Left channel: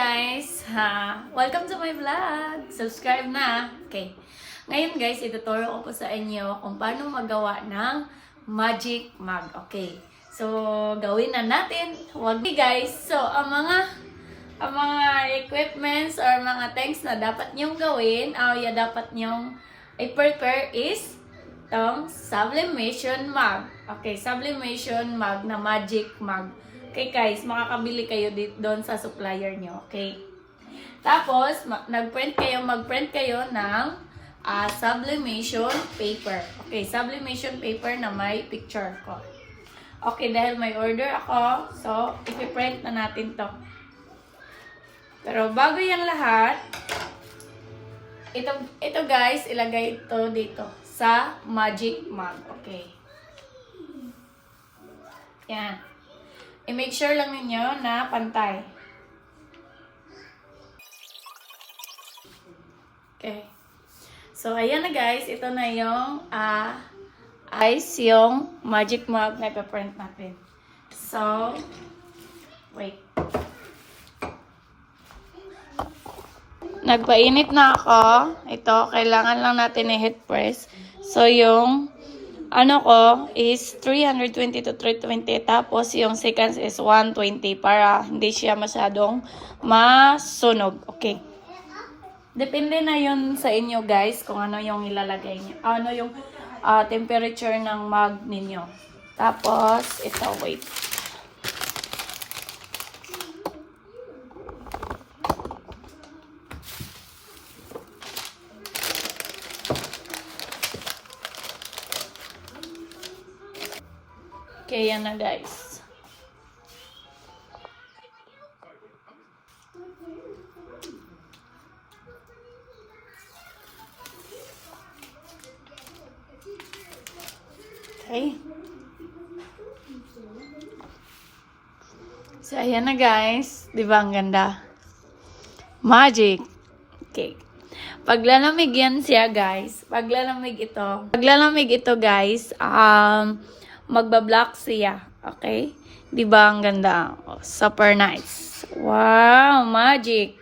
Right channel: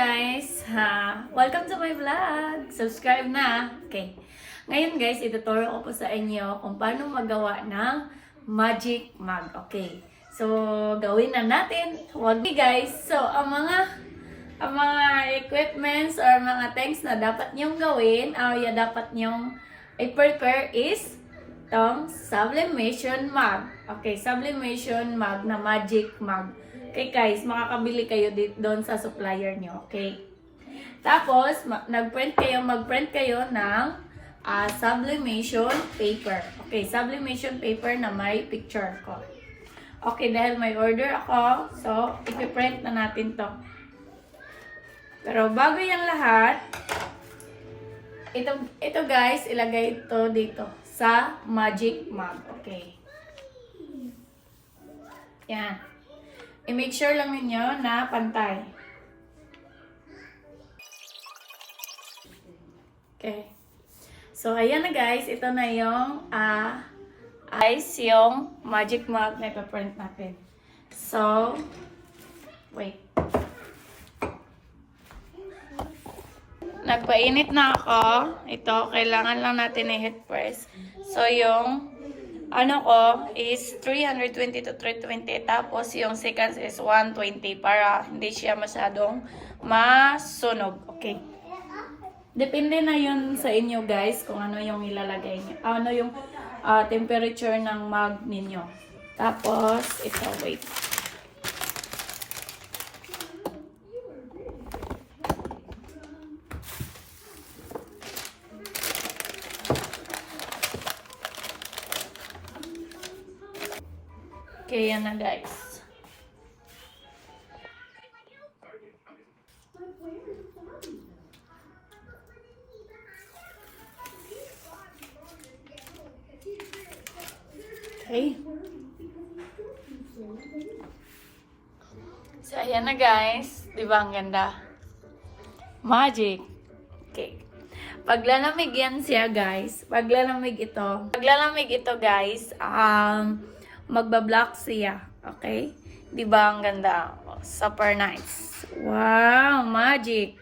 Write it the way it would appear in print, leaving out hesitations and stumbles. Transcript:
guys! Welcome to my vlog! Subscribe na! Okay. Ngayon guys, ituturo ko po sa inyo kung paano magawa ng magic mug. Okay. So, gawin na natin. Huwag guys. So, ang mga equipments or mga things na dapat nyong gawin, dapat nyong i-prepare is itong sublimation mug. Okay, sublimation mug na magic mug. Okay guys, makakabili kayo doon sa supplier nyo. Okay. Tapos, mag-print kayo ng sublimation paper. Okay, sublimation paper na may picture ko. Okay, dahil may order ako, so, ipiprint na natin to. Pero bago yan lahat, ito guys, ilagay ito dito sa magic mug. Okay. Yan. I-make sure lang ninyo na pantay. Okay. So, ayan na guys. Ito na yung yung magic mug na ipaprint natin. So, wait. Nagpainit na ako. Ito, kailangan lang natin i-heat press. So, yung ano ko is 320 to 320. Tapos, yung seconds is 120 para hindi siya masyadong masunog. Okay. Depende na yun sa inyo guys kung ano yung ilalagay niyo. Ano yung temperature ng mug ninyo. Tapos, ito, wait. Okay, yan na guys. Okay. So, ayan na guys. Di ba ang ganda? Magic. Okay. Paglalamig yan siya guys. Paglalamig ito guys, magbablock siya. Okay? Di ba ang ganda? Super nice. Wow! Magic!